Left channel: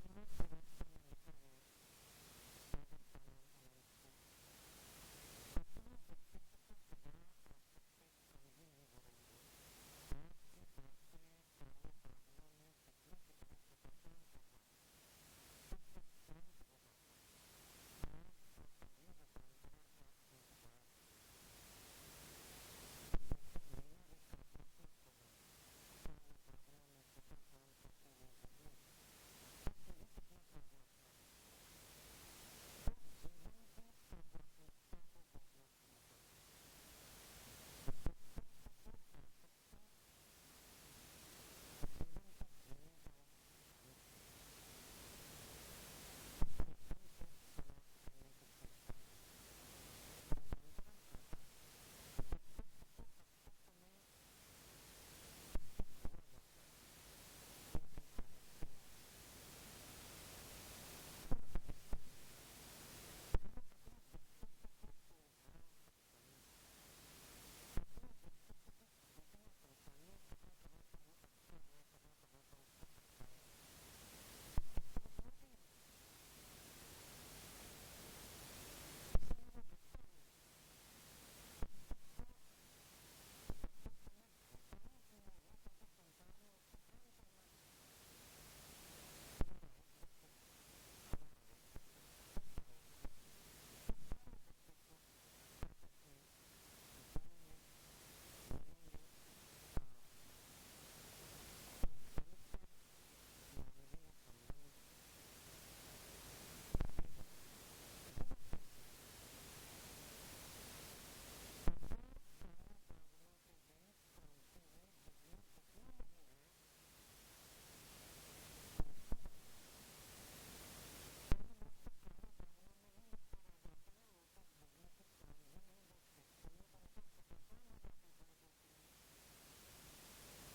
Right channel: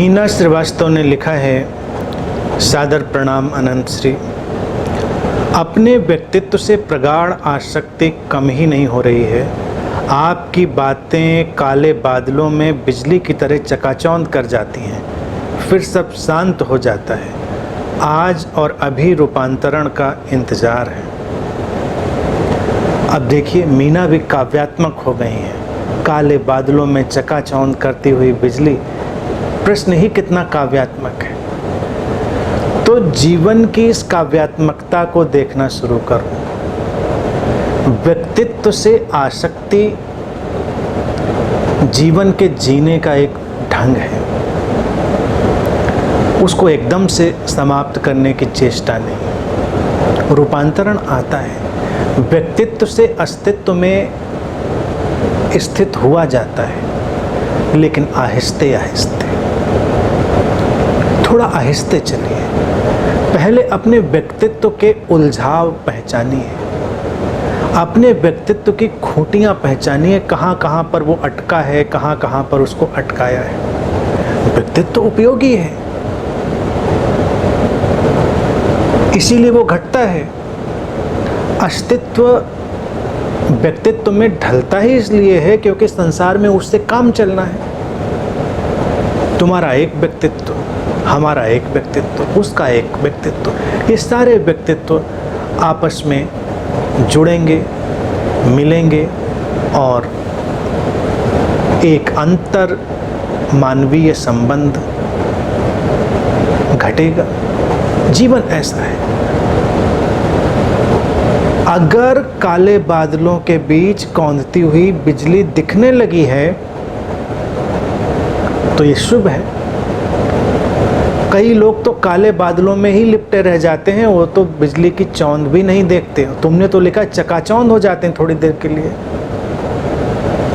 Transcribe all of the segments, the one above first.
मीना श्रीवास्तव ने लिखा है, सादर प्रणाम अनंत श्री। अपने व्यक्तित्व से प्रगाढ़ आसक्ति कम ही नहीं हो रही है। आपकी बातें काले बादलों में बिजली की तरह चकाचौंध कर जाती हैं, फिर सब शांत हो जाता है। आज और अभी रूपांतरण का इंतजार है। अब देखिए, मीना भी काव्यात्मक हो गई हैं। काले बादलों में चकाचौंध करती हुई बिजली, प्रश्न ही कितना काव्यात्मक है। तो जीवन की इस काव्यात्मकता को देखना शुरू करो। व्यक्तित्व से आसक्ति जीवन के जीने का एक ढंग है, उसको एकदम से समाप्त करने की चेष्टा नहीं। रूपांतरण आता है, व्यक्तित्व से अस्तित्व में स्थित हुआ जाता है, लेकिन आहिस्ते आहिस्ते, थोड़ा आहिस्ते चलिए। पहले अपने व्यक्तित्व के उलझाव पहचानिए, अपने व्यक्तित्व की खूंटियां पहचानिए, कहाँ कहाँ पर वो अटका है, कहाँ कहाँ पर उसको अटकाया है। व्यक्तित्व उपयोगी है, इसीलिए वो घटता है। अस्तित्व व्यक्तित्व में ढलता ही इसलिए है क्योंकि संसार में उससे काम चलना है। तुम्हारा एक व्यक्तित्व, हमारा एक व्यक्तित्व, उसका एक व्यक्तित्व, ये सारे व्यक्तित्व आपस में जुड़ेंगे, मिलेंगे और एक अंतर मानवीय संबंध घटेगा। जीवन ऐसा है। अगर काले बादलों के बीच कौंधती हुई बिजली दिखने लगी है तो ये शुभ है। कई लोग तो काले बादलों में ही लिपटे रह जाते हैं, वो तो बिजली की चौंध भी नहीं देखते। तुमने तो लिखा चकाचौंध हो जाते हैं थोड़ी देर के लिए।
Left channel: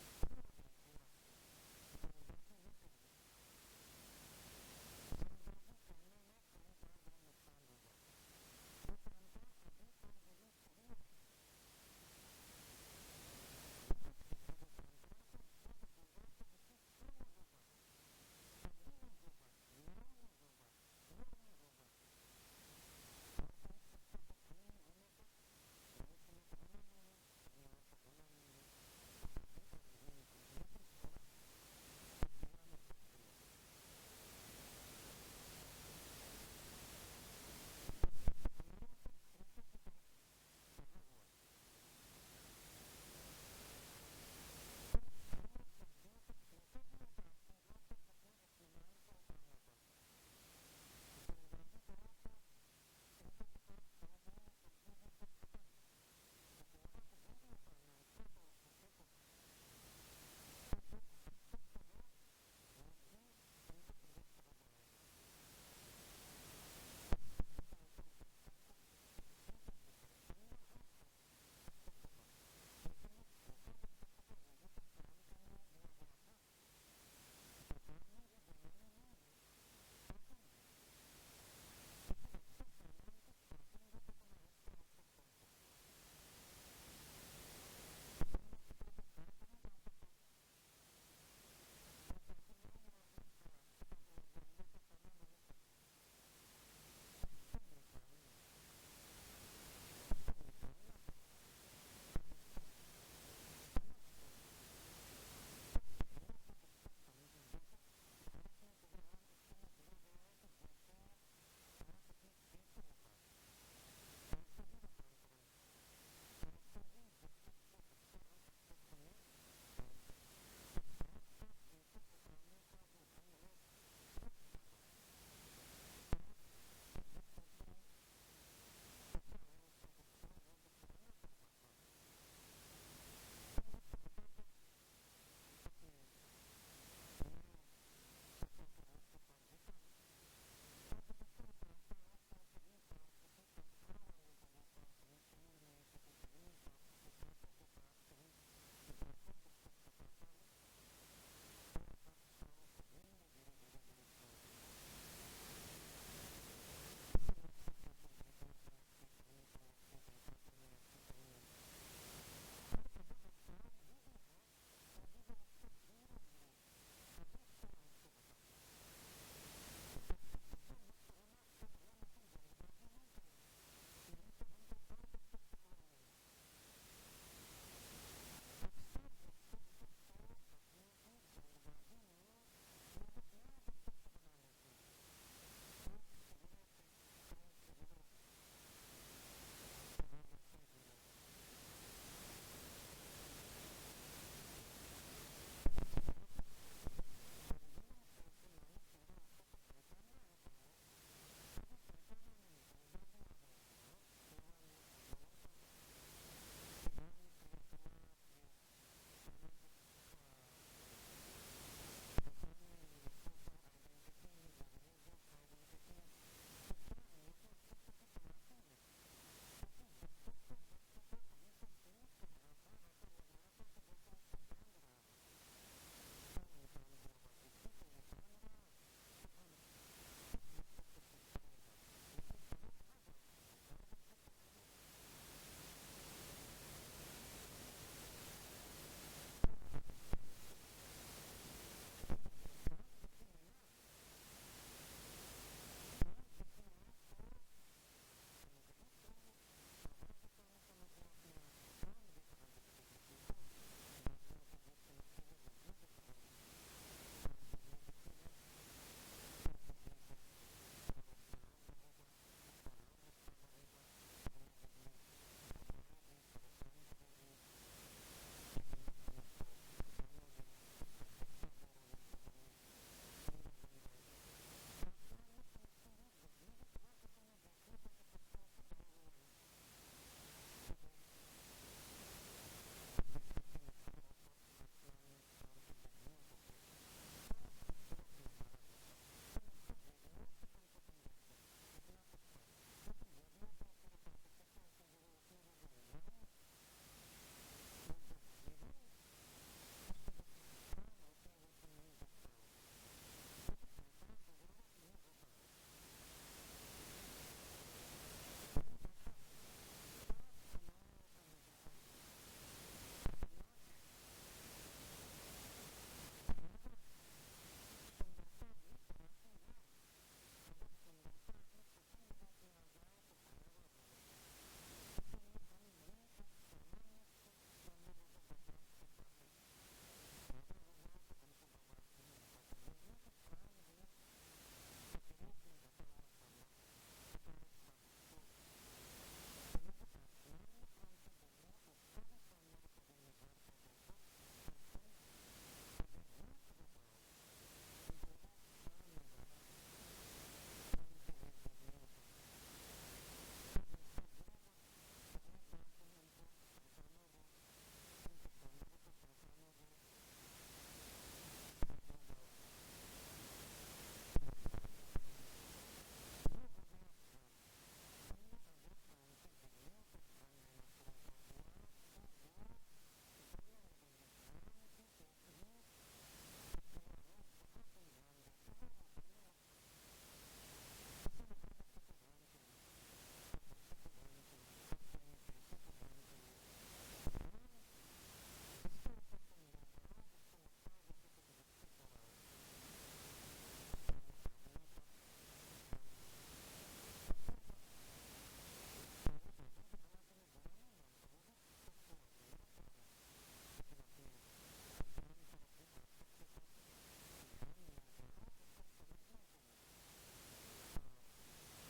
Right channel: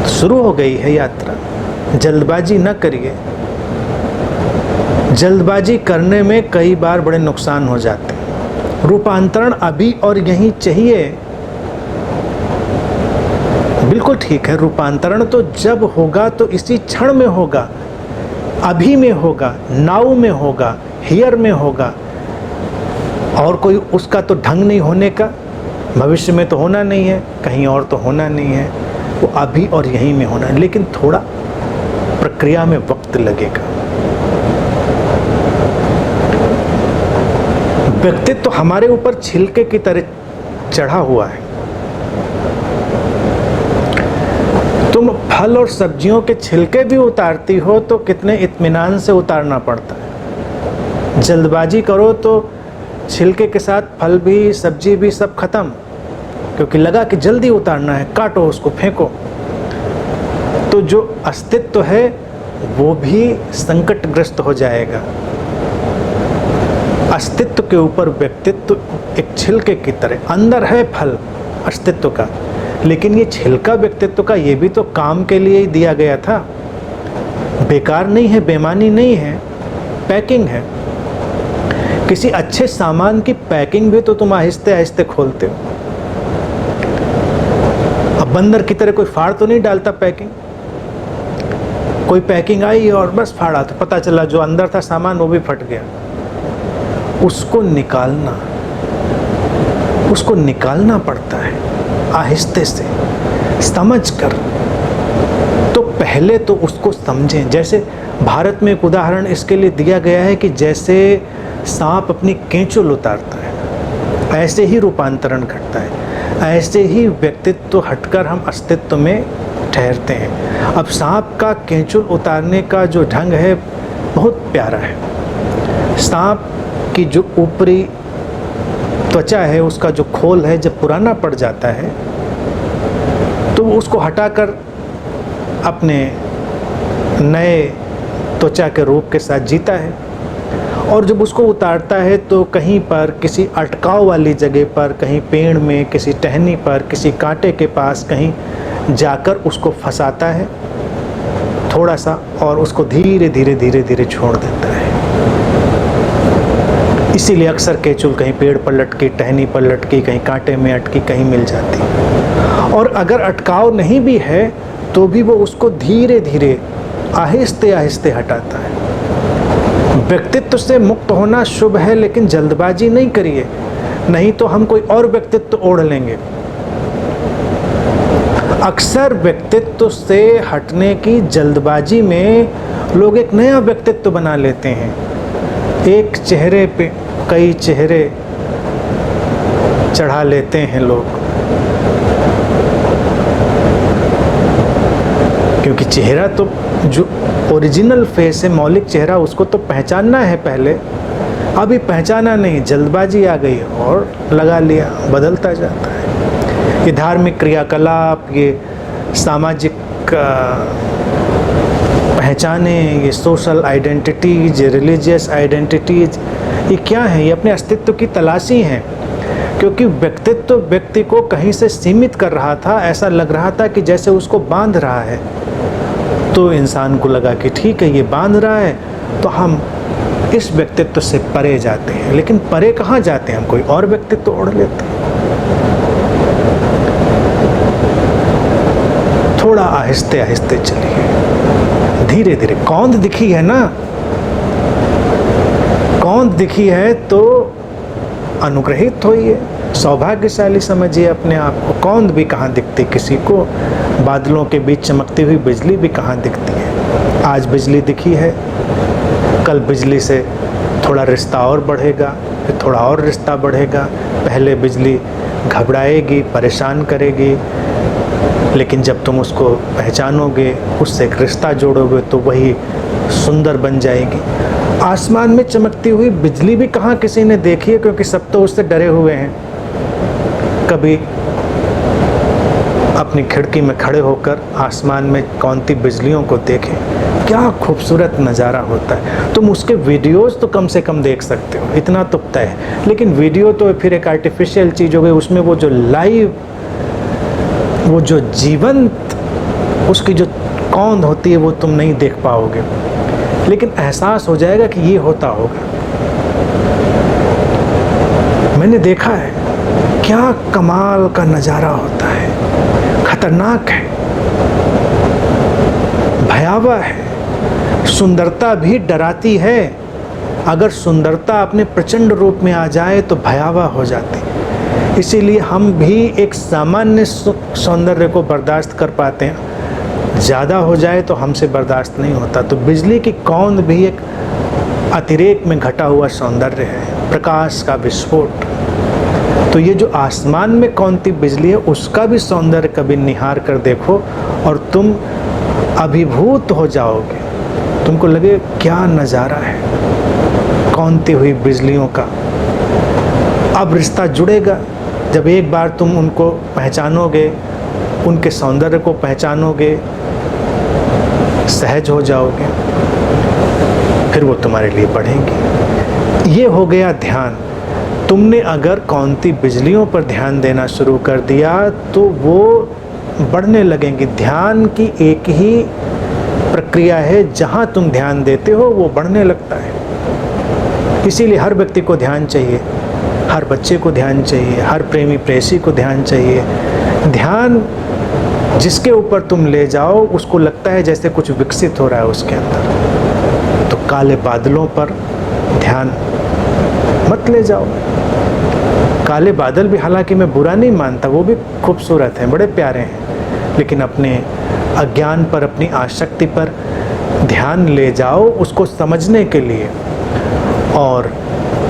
शुरू हो गई है यात्रा, जल्दबाजी न करिए। जल्दबाजी करने में कई बार बड़े नुकसान हो जाते हैं। रूपांतरण अभी और यहीं चाहिए। बिल्कुल ठीक है, रूपांतरण तो जब होगा तो इसी क्षण में होगा, अभी में होगा, नाउ में होगा, हियर में होगा। और कोई उसका तो ढंग नहीं होने का, भविष्य में तो होना नहीं है, कहीं और तो होना नहीं है, वो अभी और यहीं में होना है। लेकिन थोड़ा प्रक्रिया में वक्त लगेगा। व्यक्तित्व तो हमारे ऊपर छिलके की तरह चढ़ा हुआ है। तुम फल और सब्जियों के छिलके भी उतारती हो तो कितने इत्मीनान से उतारना पड़ता है। जल्दबाजी करो तो छिलके के साथ फल भी, सब्जी भी सब खत्म, क्योंकि लगा कि जल्दी उतारना है, काटो उसको, फेंको। तो जो अस्तित्व है वो भी संकटग्रस्त हो जाएगा। अस्तित्व के ऊपर व्यक्तित्व एक छिलके की तरह, अंदर है फल अस्तित्व का, लेकिन ये छिलका व्यक्तित्व का, ये भी तो काम के लिए ही दिया गया था। बेकार नहीं है, बेमानी नहीं है, पैकिंग है। किसी अच्छे सामान की पैकिंग भी तो तुम आहिस्ते आहिस्ते खोलते हो। अब बंदर की तरह कोई फाड़ तो नहीं डालता पैकिंग। कोई पैकिंग आई और बस फाड़ा, तो पता चला जो अंदर था सामान वो भी फट गया। उसको निकालना पड़ता है आहिस्ते से, समझ कर। तो पहले तो उसको समझें। जैसे भारत में एक उदाहरण इसके लिए दिया गया है कि जैसे सांप अपनी केंचुल उतारता है, ऐसे ही रूपांतरण घटता है, ऐसे ही व्यक्तित्व हटकर हम अस्तित्व में ठहरते हैं। अब सांप का केंचुल उतारने का जो ढंग है बहुत प्यारा है। सांप की जो ऊपरी त्वचा है, उसका जो खोल है, जब पुराना पड़ जाता है तो उसको हटाकर अपने नए त्वचा के रूप के साथ जीता है। और जब उसको उतारता है तो कहीं पर किसी अटकाव वाली जगह पर, कहीं पेड़ में, किसी टहनी पर, किसी कांटे के पास कहीं जाकर उसको फंसाता है थोड़ा सा, और उसको धीरे धीरे धीरे धीरे छोड़ देता है। इसीलिए अक्सर केंचुल कहीं पेड़ पर लटकी, टहनी पर लटकी, कहीं कांटे में अटकी, कहीं मिल जाती। और अगर अटकाव नहीं भी है तो भी वो उसको धीरे धीरे आहिस्ते आहिस्ते हटाता है। व्यक्तित्व से मुक्त होना शुभ है, लेकिन जल्दबाजी नहीं करिए, नहीं तो हम कोई और व्यक्तित्व ओढ़ लेंगे। अक्सर व्यक्तित्व से हटने की जल्दबाजी में लोग एक नया व्यक्तित्व बना लेते हैं। एक चेहरे पे कई चेहरे चढ़ा लेते हैं लोग, क्योंकि चेहरा तो जो ओरिजिनल फेस है, मौलिक चेहरा, उसको तो पहचानना है पहले। अभी पहचाना नहीं, जल्दबाजी आ गई और लगा लिया, बदलता जाता है। ये धार्मिक क्रियाकलाप, ये सामाजिक पहचाने, ये सोशल आइडेंटिटीज, ये रिलीजियस आइडेंटिटीज, ये क्या है? ये अपने अस्तित्व की तलाशी हैं, क्योंकि व्यक्तित्व व्यक्ति को कहीं से सीमित कर रहा था। ऐसा लग रहा था कि जैसे उसको बांध रहा है, तो इंसान को लगा कि ठीक है, ये बांध रहा है, तो हम इस व्यक्तित्व से परे जाते हैं। लेकिन परे कहाँ जाते हैं? हम कोई और व्यक्तित्व ओढ़ लेते हैं। थोड़ा आहिस्ते आहिस्ते चलिए, धीरे धीरे। कौंध दिखी है ना, कौंध दिखी है तो अनुग्रहित होइए, सौभाग्यशाली समझिए अपने आप को। कौंध भी कहाँ दिखती किसी को, बादलों के बीच चमकती हुई बिजली भी कहाँ दिखती है। आज बिजली दिखी है, कल बिजली से थोड़ा रिश्ता और बढ़ेगा, फिर थोड़ा और रिश्ता बढ़ेगा। पहले बिजली घबराएगी, परेशान करेगी, लेकिन जब तुम उसको पहचानोगे, उससे एक रिश्ता जोड़ोगे, तो वही सुंदर बन जाएगी। आसमान में चमकती हुई बिजली भी कहाँ किसी ने देखी है, क्योंकि सब तो उससे डरे हुए हैं। कभी अपनी खिड़की में खड़े होकर आसमान में कौनती बिजलियों को देखें, क्या खूबसूरत नज़ारा होता है। तुम उसके वीडियोस तो कम से कम देख सकते हो, इतना तो तय है। लेकिन वीडियो तो फिर एक आर्टिफिशियल चीज़ हो गई, उसमें वो जो लाइव, वो जो जीवंत उसकी जो कौंध होती है, वो तुम नहीं देख पाओगे, लेकिन एहसास हो जाएगा कि ये होता होगा। मैंने देखा है, क्या कमाल का नज़ारा होता है, खतरनाक है, भयावह है। सुंदरता भी डराती है। अगर सुंदरता अपने प्रचंड रूप में आ जाए तो भयावह हो जाती है। इसीलिए हम भी एक सामान्य सौंदर्य को बर्दाश्त कर पाते हैं, ज़्यादा हो जाए तो हमसे बर्दाश्त नहीं होता। तो बिजली की कौंध भी एक अतिरेक में घटा हुआ सौंदर्य है, प्रकाश का विस्फोट। तो ये जो आसमान में कौनती बिजली है, उसका भी सौंदर्य कभी निहार कर देखो और तुम अभिभूत हो जाओगे। तुमको लगे क्या नज़ारा है कौनती हुई बिजलियों का। अब रिश्ता जुड़ेगा जब एक बार तुम उनको पहचानोगे, उनके सौंदर्य को पहचानोगे, सहज हो जाओगे, फिर वो तुम्हारे लिए बढ़ेंगी। ये हो गया ध्यान। तुमने अगर कौनती बिजलियों पर ध्यान देना शुरू कर दिया तो वो बढ़ने लगेंगी। ध्यान की एक ही प्रक्रिया है, जहाँ तुम ध्यान देते हो वो बढ़ने लगता है। इसीलिए हर व्यक्ति को ध्यान चाहिए, हर बच्चे को ध्यान चाहिए, हर प्रेमी प्रेयसी को ध्यान चाहिए। ध्यान जिसके ऊपर तुम ले जाओ, उसको लगता है जैसे कुछ विकसित हो रहा है उसके अंदर। तो काले बादलों पर ध्यान मत ले जाओ। काले बादल भी हालांकि मैं बुरा नहीं मानता, वो भी खूबसूरत हैं, बड़े प्यारे हैं, लेकिन अपने अज्ञान पर, अपनी आसक्ति पर ध्यान ले जाओ उसको समझने के लिए। और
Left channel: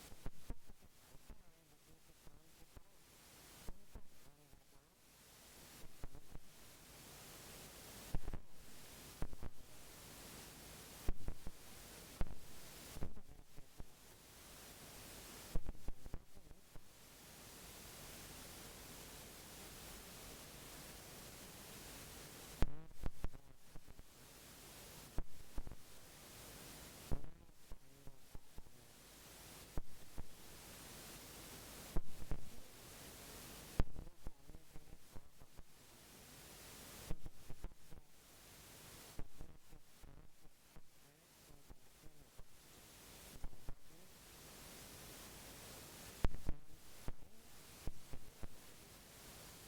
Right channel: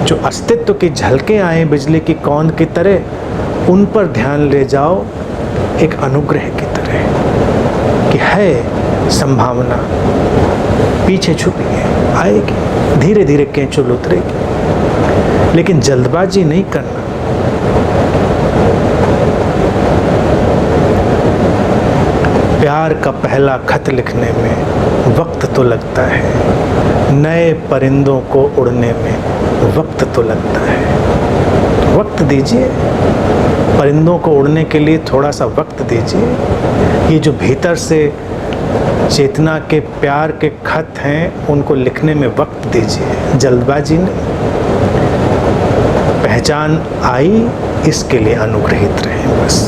जो अस्तित्व की झलकें आए बिजली की कौंध की तरह, उन पर ध्यान ले जाओ एक अनुग्रह की तरह कि है संभावना, पीछे छुपी है, आएगी, धीरे धीरे केंचुल उतरेगी। लेकिन जल्दबाजी नहीं करना। प्यार का पहला खत लिखने में वक्त तो लगता है, नए परिंदों को उड़ने में वक्त तो लगता है। वक्त दीजिए परिंदों को उड़ने के लिए, थोड़ा सा वक्त दीजिए। ये जो भीतर से चेतना के प्यार के खत हैं, उनको लिखने में वक्त दीजिए, जल्दबाजी नहीं। पहचान आई, इसके लिए अनुग्रहित रहें बस।